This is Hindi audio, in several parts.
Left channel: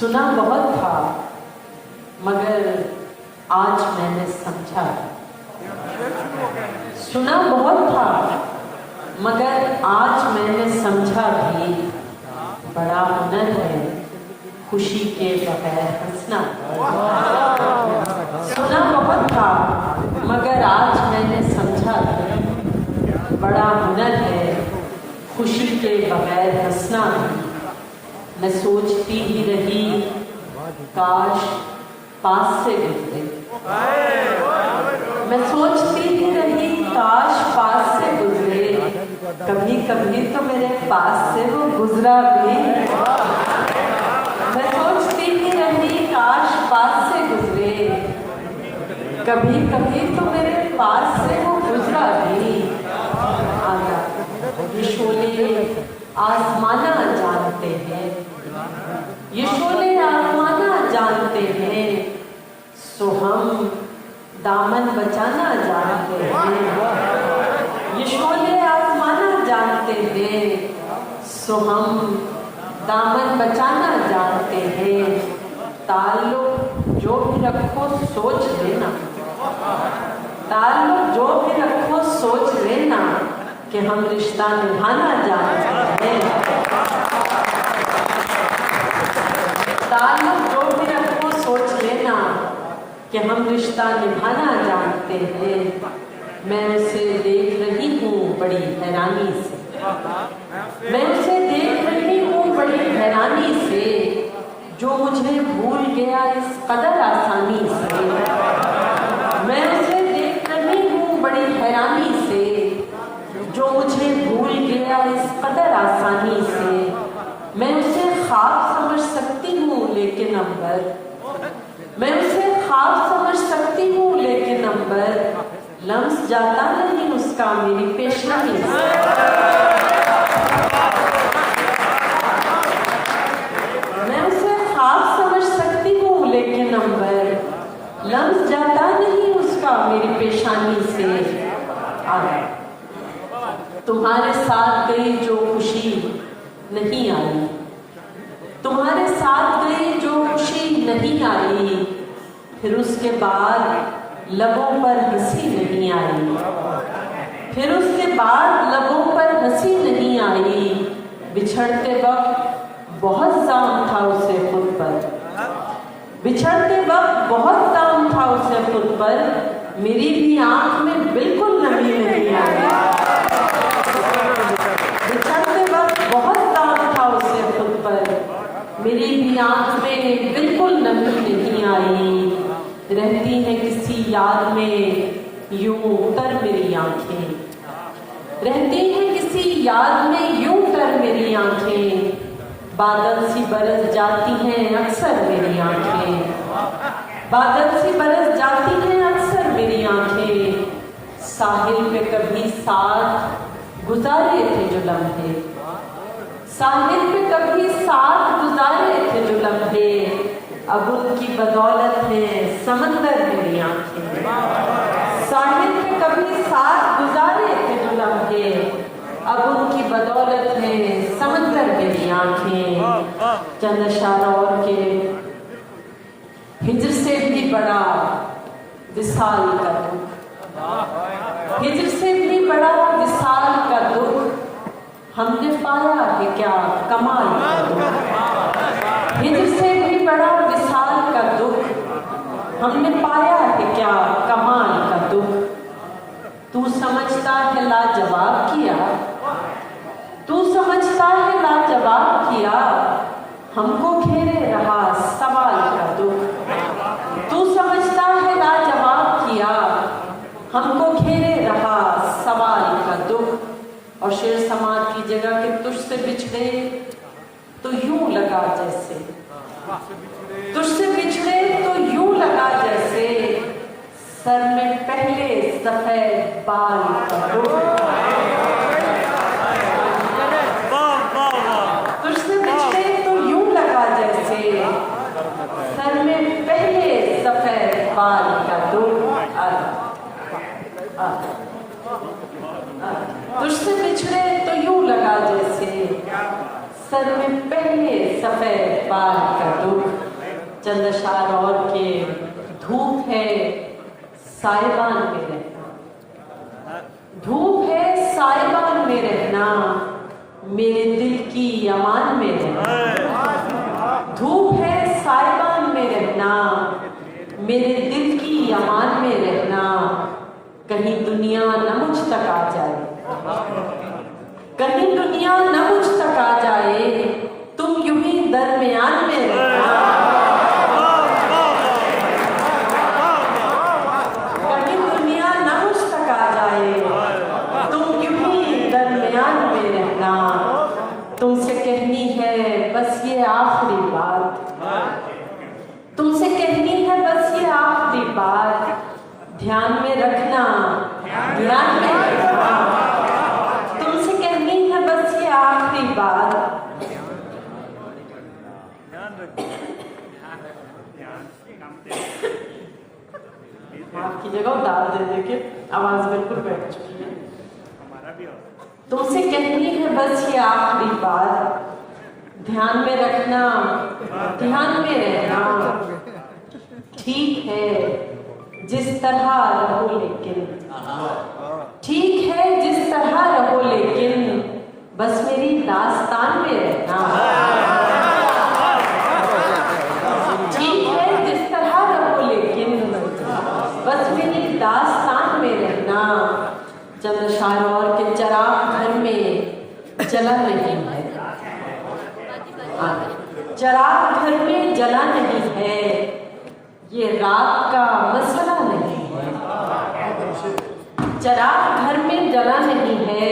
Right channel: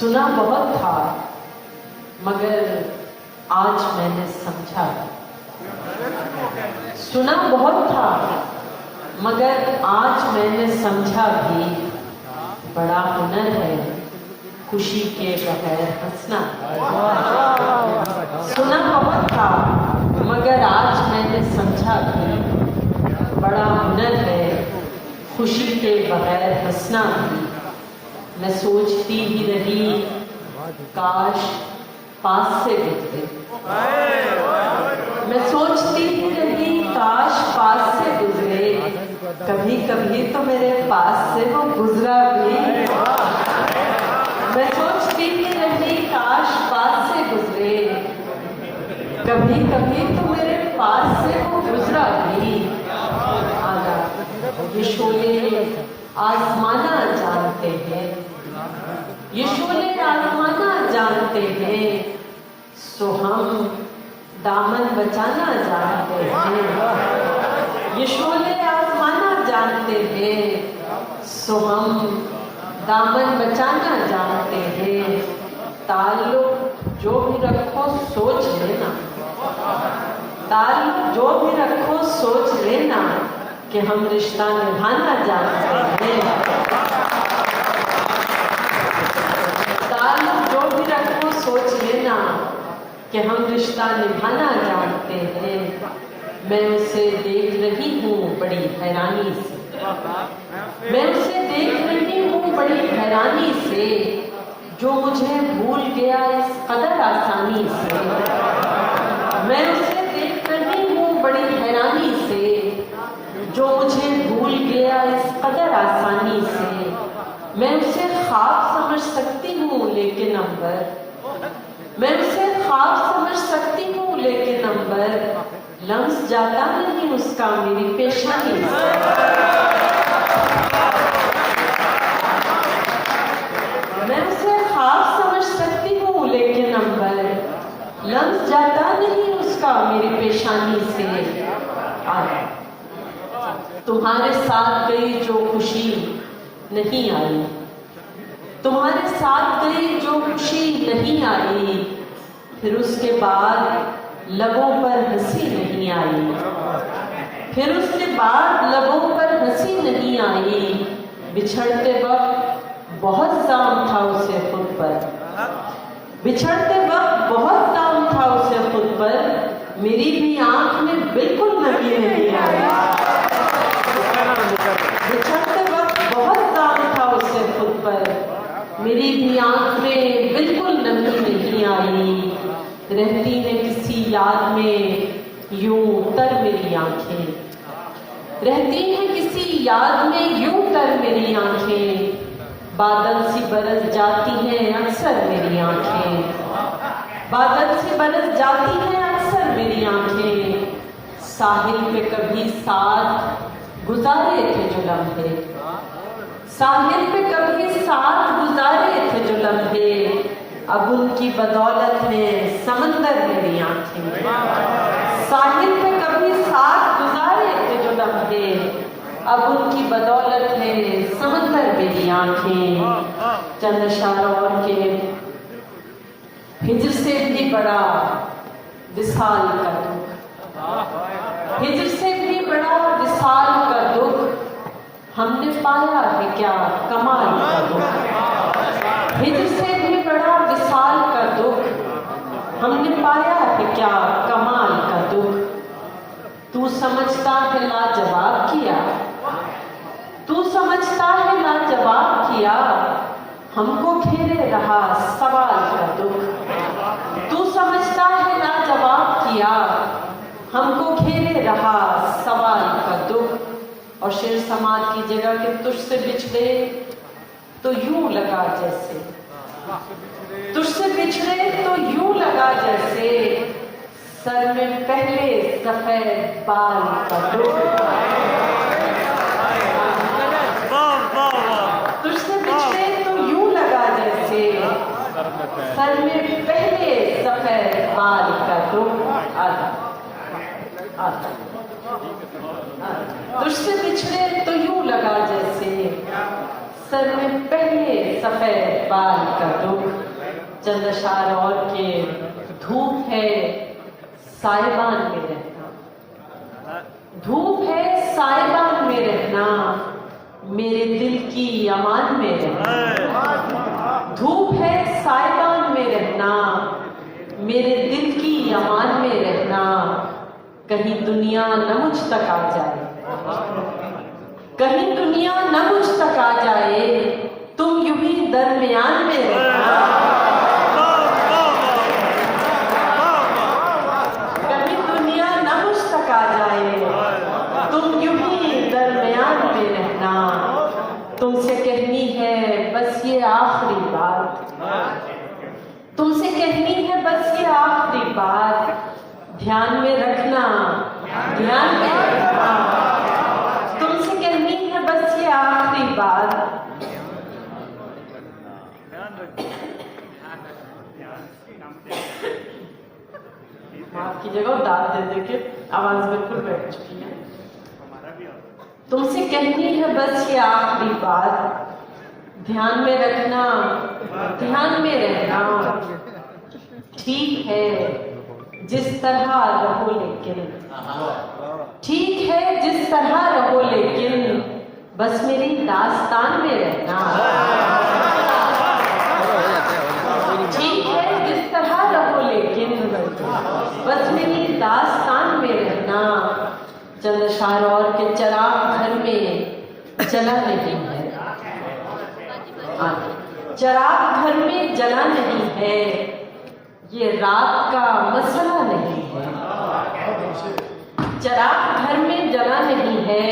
सुना बहुत था मगर आज मैंने समझा। सुना बहुत था मगर आज मैंने समझा भी बड़ा हुनर है खुशी के बगैर हंसना। सुना बहुत था मगर आज मैंने समझा भी बड़ा हुनर है खुशी के बगैर हंसना। मैं सोचती ही रही काश पास से गुजरे। मैं सोचती ही रही काश पास से गुजरे। कभी कभी तो मेरे पास से वो गुजरा भी। मैं सोचती ही रही काश पास से गुजरे। कभी कभी तो मेरे पास से वो गुजरा भी। ये शोले आजमाना जानते हैं, ये शोले आजमाना जानते हैं, सो हम दामन बचाना जानते हैं। ये शोले आजमाना जानते हैं, सो हम दामन बचाना जानते हैं। ताल्लुक जो भी रखो सोच लेना, ताल्लुक जो भी रखो सोच लेना कि हम रिश्ता निभाना जानते हैं। ताल्लुक जो भी रखो सोच लेना कि हम रिश्ता निभाना जानते हैं। मैं उसे देख रही हूँ बड़ी हैरानी से, मैं उसे देख रही हूँ बड़ी हैरानी से, जो मुझे भूल गया इस कदर आसानी से। मैं उसे देख रही हूँ बड़ी हैरानी से, जो मुझे भूल गया इस कदर आसानी से। मैं उसे ख्वाब समझ सकती हूँ लेकिन अंबर, मैं उसे ख्वाब समझ सकती हूँ लेकिन अंबर लम्स जाता नहीं उसका मेरी पेशनी से। मैं उसे ख्वाब समझ सकती हूँ लेकिन अंबर लम्स जाता नहीं उसका मेरी पेशानी से। तुम्हारे साथ गई जो खुशी नहीं आई, तुम्हारे साथ गई जो खुशी नहीं आई, फिर उसके बाद लबों पर हंसी नहीं आई। फिर उसके बाद लबों पर हंसी नहीं आई। बिछड़ते वक्त बहुत जाम था उसे खुद पर, बिछड़ते वक्त बहुत जाम था उसे खुद पर, मेरी भी आंख में बिल्कुल नमी नहीं आई। बिछड़ते वक्त बहुत दाग था उसे खुद पर, मेरी भी आंख में बिल्कुल नमी नहीं आई। रहती है किसी याद में यूं तर मेरी आंखें, रहती है किसी याद में यूं तर मेरी आंखें। बादल सी बरस जाती हैं अक्सर मेरी आंखें, बादल सी बरस जाती हैं अक्सर मेरी आंखें। साहिल पे कभी साथ गुजारे थे जो लम्हे, साहिल पे कभी साथ गुजारे थे जो लम्हे, अब उनकी बदौलत है समंदर मेरी आंखें। साहिल पे कभी साथ गुजारे थे जो लम्हे, अब उनकी बदौलत है समंदर मेरी आंखें। चंद अशार और के हिज्र से भी बड़ा विसाल का दुख, हिज्र से भी बड़ा विसाल का दुख, हमने पाया है क्या कमाल का दुख। हिज्र से भी बड़ा विसाल का दुख, हमने पाया है क्या कमाल का दुख। तू समझता है लाजवाब किया, तू समझता है लाजवाब किया, हमको घेरे रहा सवाल का दुख। तू समझता है लाजवाब किया, हमको घेरे रहा सवाल का दुख। और शेर समाज की जगह के तुझसे बिछड़े तो यूं लगा जैसे, तुझसे बिछड़े तो यूं लगा जैसे, सर में पहले सफेद बाल का दुख। तुझसे बिछड़े तो यूं लगा जैसे, सर में पहले सफेद बाल का दुख। तुझसे बिछड़े तो यूं लगा जैसे, सर में पहले सफेद बाल का दुख। साहिबान में रहना, धूप है साहिबान में रहना, मेरे दिल की अमान में रहना। धूप है साहिबान में रहना, मेरे दिल की अमान में रहना, कहीं दुनिया न मुझ तक आ जाए, कहीं दुनिया न मुझ तक आ जाए, तुम यूं ही दरमियान में रहना। कहीं दुनिया न मुझ तक आ जाए, तुम यूं ही दरमियान में रहना। तुमसे कहनी है बस ये आखिरी बात, तुमसे कहनी है बस ये आखिरी बात, ध्यान में रखना, ध्यान में रखना। तुमसे कहनी है बस ये आखिरी बात, आपकी जगह दाल दे देके आवाज बिल्कुल बैठ चुकी है। तुमसे कहनी है बस ये आखिरी बात, ध्यान में रखना, ध्यान में रहना। ठीक है जिस तरह रहो लेकिन, ठीक है जिस तरह रहो लेकिन, बस मेरी दास्तान में रहना। ठीक है जिस तरह रहो लेकिन, बस मेरी दास्तान में रहना। चंद अशार और के चिराग घर में जला नहीं है, चिराग घर में जला नहीं है, ये रात का मसला नहीं है। चिराग घर में जला नहीं है,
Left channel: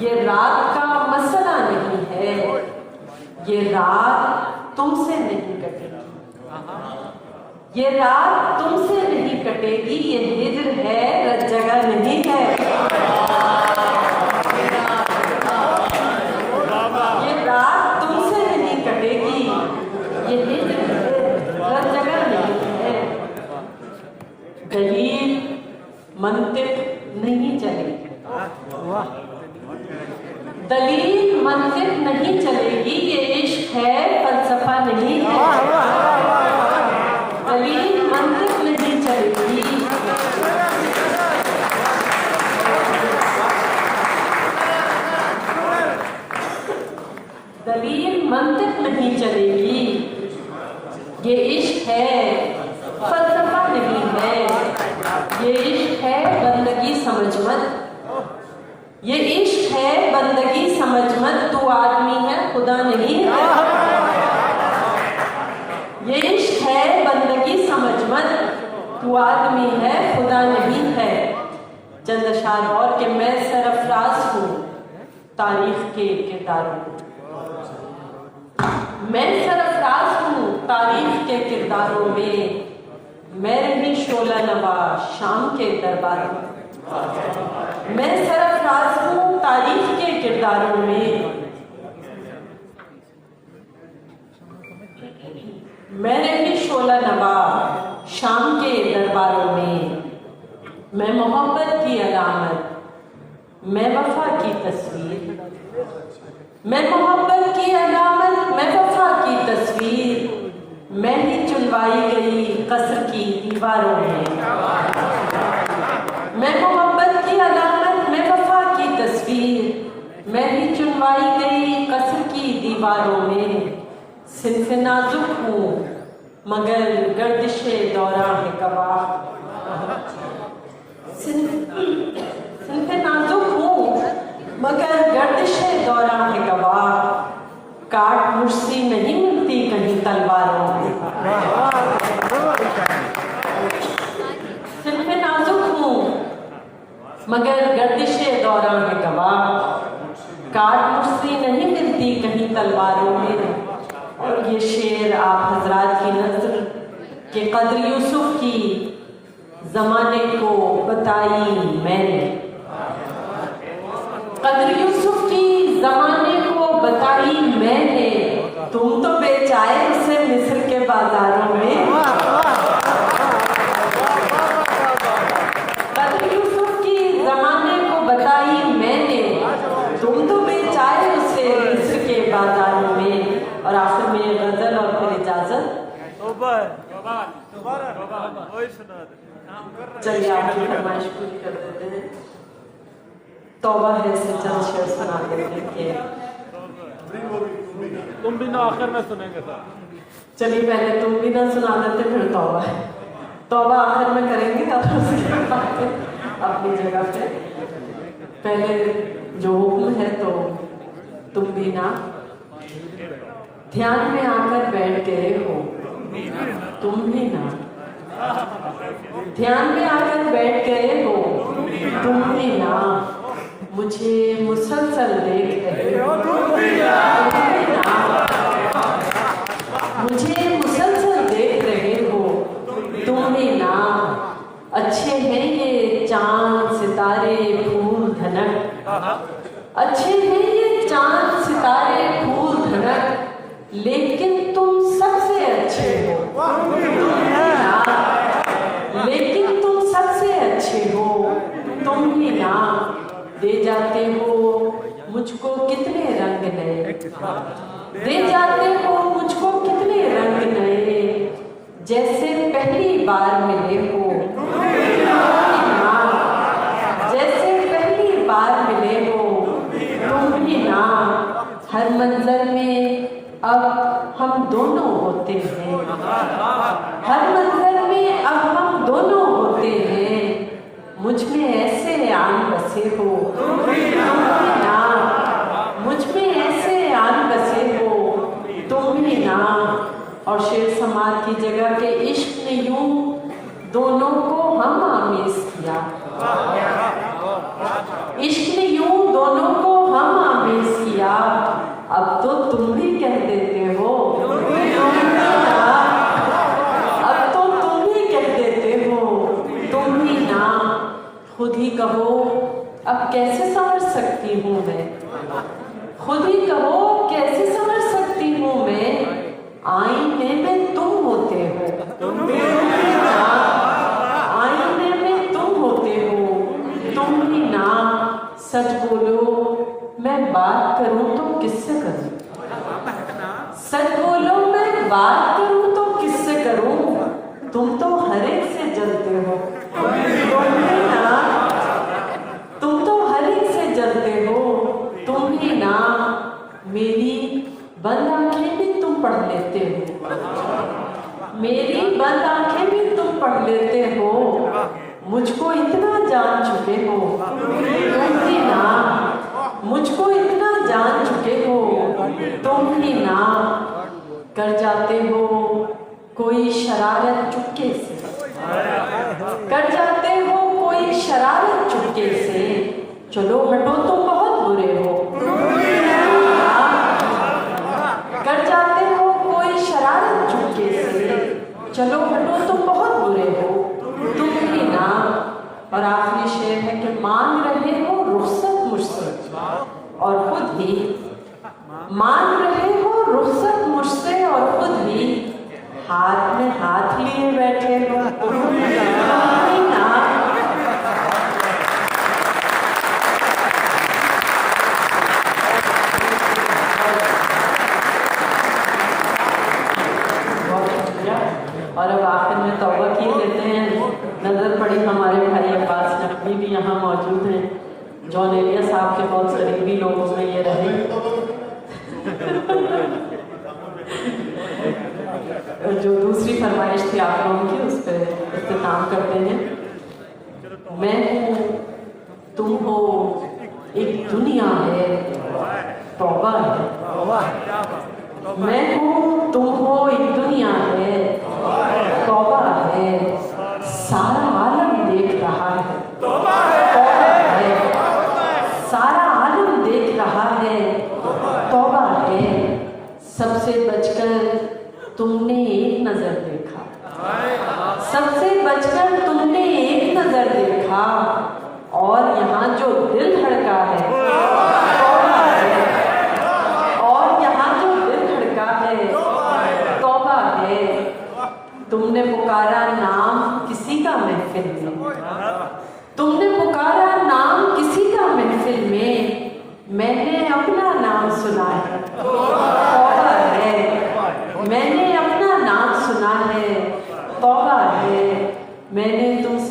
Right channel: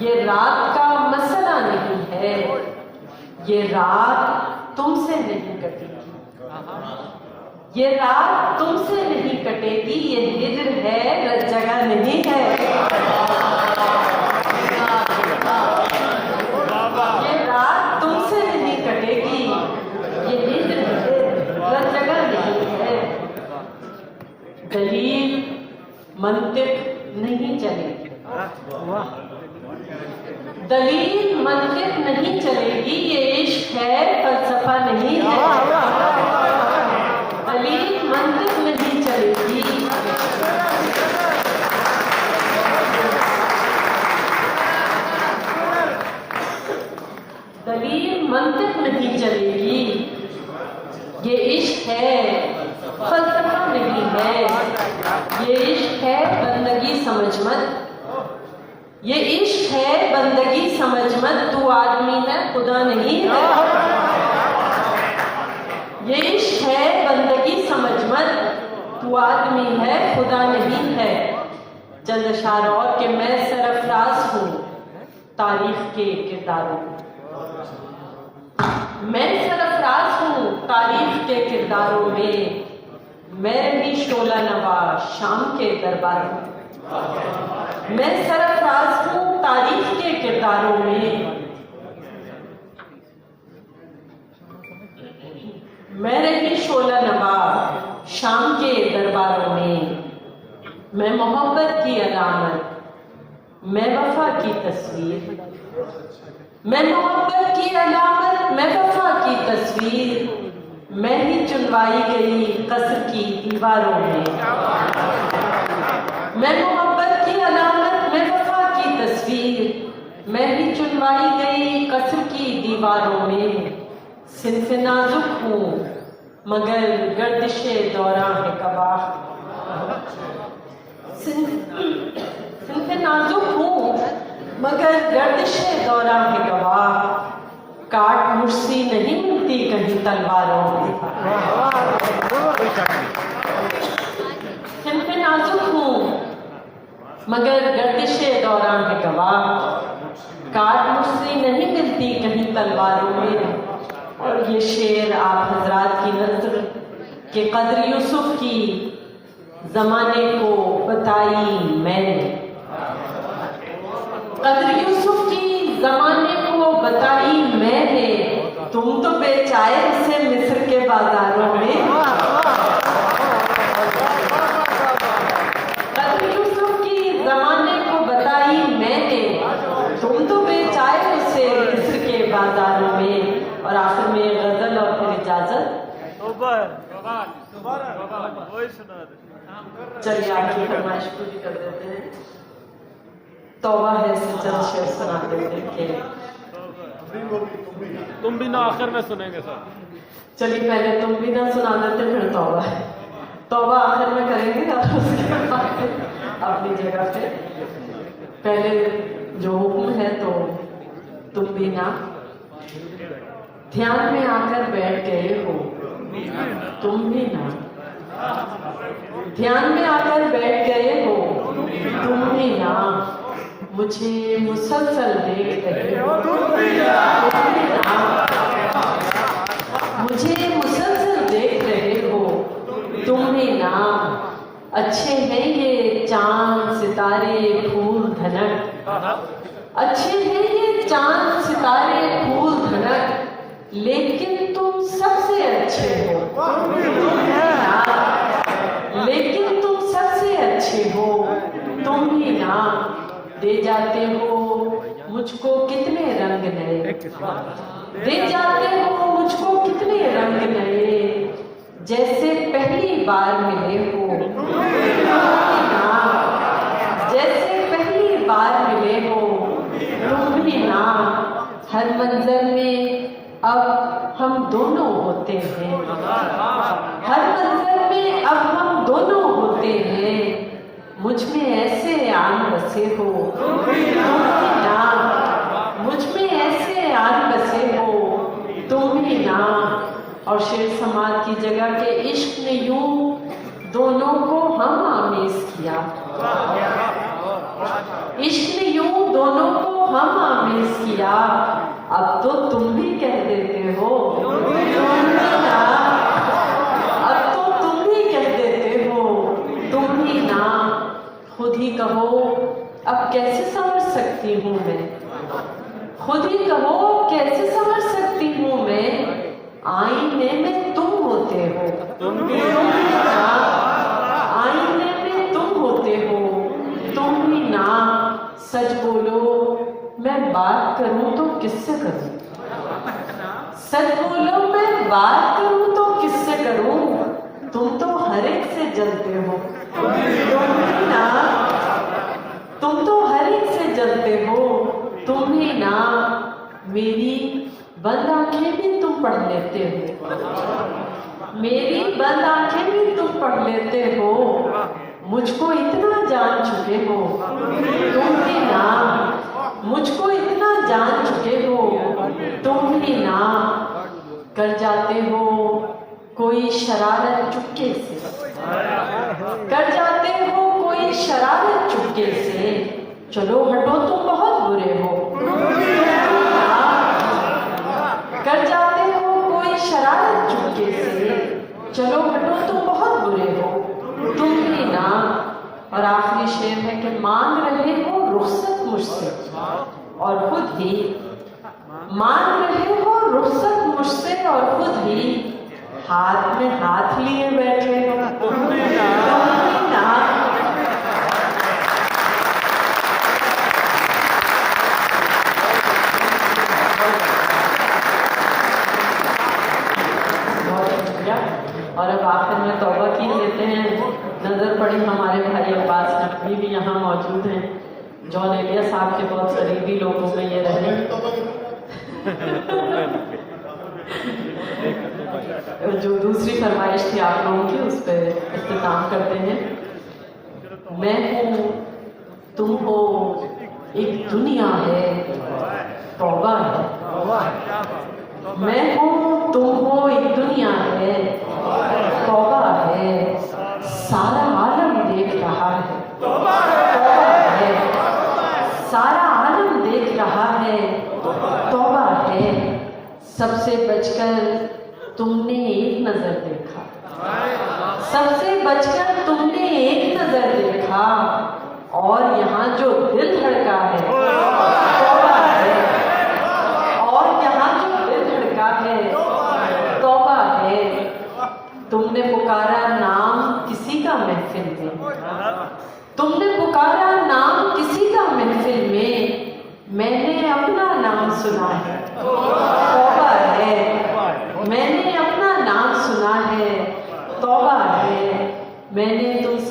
ये रात का मसला नहीं है, ये रात तुमसे नहीं कटेगी, ये रात तुमसे नहीं कटेगी, ये हिजर है जगह नहीं है। ये रात तुमसे नहीं कटेगी, ये हिजर है जगह नहीं है। दलील मंतिक नहीं चलेगी, दलील मंतिक नहीं चलेगी, ये इश्क है फलसफा नहीं है। दलील मंतिक नहीं चलेगी, दलील मंतिक नहीं चलेगी, ये इश्क है फलसफा नहीं है। ये इश्क है बंदगी समझ मत, ये इश्क है बंदगी समझ मत, तू आदमी है खुदा नहीं है। ये इश्क है बंदगी समझ मत, तू आदमी है खुदा नहीं है। चंद अशार और के मैं सरफराज हूँ तारीख के किरदारों, मैं सरफराज हूँ तारीख के किरदारों में, मैं रही शोला नवा शाम के दरबार में। मैं सरफराज हूँ तारीख के किरदारों में, मैं रही शोला नवा शाम के दरबारों में। मैं मोहब्बत की अलामत, मैं वफा की तस्वीर, मैं मोहब्बत की अलामत, मैं वफा की तस्वीर, मैं ही चुनवाई गई कसर की दीवारों में। मैं मोहब्बत की अलामत, मैं वफा की तस्वीर, मैं ही चुनवाई गई कसर की दीवारों में। सिन्फ नाजुक हूँ मगर गर्दिशे दौरा है गवाह, सिन्फ नाजुक हूँ मगर गर्दिशे दौरा है गवाह, काट मुझसे नहीं मिलती कहीं तलवारों में। सिन्फ नाजुक हूँ मगर गर्दिशे दौरा है गवाह, काट मुझसे नहीं मिलती कहीं तलवारों में। और ये शेर आप हजरात की नज़र के कद्र यूसुफ की जमाने को बताई मैंने, कद्र यूसुफ की जमाने को बताई मैंने, तुम तो बेचाए उसे मिस्र के बाजारों में। कद्र यूसुफ की जमाने को बताई मैंने, तुम तो बेचाए उसे मिस्र के बाजारों में। और आखिर में ये गजल और फिर इजाजत। चलिए आपकी फरमाइश पूरी कर देते हैं। तौबा है से चंद शेर सुना देते हैं। तुम भी ना आखिर में सुनेंगे सर। चलिए पहले तुम भी ना सुना देते, फिर तौबा है। तौबा आखिर में करेंगे और उसके बाद अपनी जगह पे। पहले जो हुक्म है तो तुम भी ना ध्यान में आकर बैठ गए हो, तुम भी ना ध्यान में आकर बैठ गए हो, तुम भी ना मुझे मुसलसल देख रहे हो, तुम भी ना मुझे मुसलसल देख रहे हो, तुम भी ना अच्छे हैं ये चांद सितारे फूल धनक, अच्छे हैं ये चांद सितारे फूल धनक, लेकिन तुम सबसे अच्छे हो, लेकिन तुम सबसे अच्छे हो, तुम ही ना दे जाते हो मुझको कितने रंग नए, दे जाते हो मुझको कितने रंग नए, जैसे पहली बार मिले हो, जैसे पहली बार मिले हो, तुम भी ना हर मंजर में अब हम दोनों होते हैं, हर मंजर में अब हम दोनों होते हैं, मुझ में ऐसे आन बसे हो, ना मुझ में ऐसे आन बसे हो, तुम भी ना। और शेर समाज की जगह पे इश्क ने यूं दोनों को हम आमेज किया, इश्क ने यूं दोनों को हम आमेज किया, अब तो तुम भी कह देते हो, अब तो तुम भी कह देते हो, तुम ही ना खुद ही कहो अब कैसे समझ सकती हूँ मैं, खुद ही कहो कैसे समझ सकती हूँ मैं, आईने में तुम होते हो, आईने में तुम होते हो, तुम ही ना। सच बोलो मैं बात करूं तो किससे करूं, सच बोलो मैं बात करूं तो किससे करूं, तुम तो हर एक से जलते हो, तुम ही ना, तुम तो हर एक से जलते हो, तुम ही ना। मेरी बंद आंखें भी तुम पढ़ लेते हो, मेरी बंद आंखें भी तुम पढ़ लेते हो, मुझको इतना जान चुके हो, तुम ही ना मुझको इतना जान चुके हो, तुम ही ना। कर जाते हो कोई शरारत चुपके से, कर जाते हो कोई शरारत चुपके से, चलो हटो तो बहुत बुरे हो, कर जाते हो कोई शरारत चुपके से, चलो हटो तो बहुत बुरे हो, तुम ही ना। और आखिरी शेर है कि मांग रहे हो रुखसत मुझसे, और खुद ही मांग रहे हो रुखसत मुझसे, और खुद ही हाथ में हाथ लिए बैठे हो, तुम ही ना। और अब आखिर में तौबा किए देते हैं। नजर पड़ी हमारे भाई अब्बास नकवी भी यहाँ मौजूद हैं, जॉन एलिया साहब के बहुत करीबी लोगों में ये रहे। जो दूसरी फरमाइश थी आप लोगों की, उस पर इख्तिताम करते हैं। मैं हूँ, तुम हो, एक दुनिया है, तौबा है। मैं हूँ, तुम हो, एक दुनिया है, तौबा है। सारा आलम देख रहा है, तौबा है। सारा आलम देख रहा है, तौबा है। सबसे बचकर तुमने एक नजर देखा, सबसे बचकर तुमने एक नजर देखा, और यहाँ जो दिल धड़का है, तौबा है। और यहाँ जो दिल धड़का है, तौबा है। तुमने पुकारा नाम किसी का महफिल में, तुमने पुकारा नाम किसी का महफिल में, मैंने अपना नाम सुना है, तौबा है। मैंने अपना नाम सुना है, तौबा है। मैंने तुमसे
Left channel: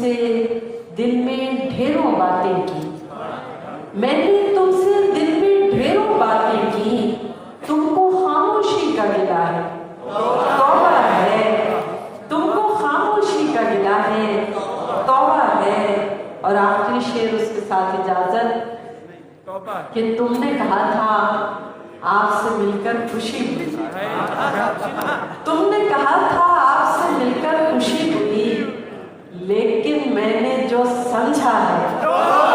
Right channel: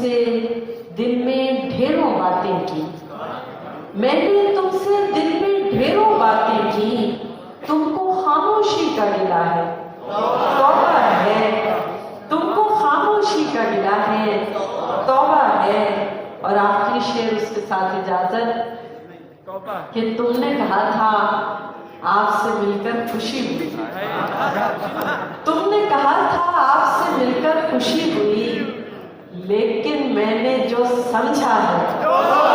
मैंने तुमसे दिल में ढेरों बातें की, तुमको खामोशी का गिला है। तौबा है, तुमको खामोशी का गिला है, तौबा है। और आखिरी शेर उसके साथ इजाजत कि तुमने कहा था आपसे मिलकर खुशी हुई, तुमने कहा था आपसे मिलकर खुशी हुई, लेकिन मैंने जो समझा है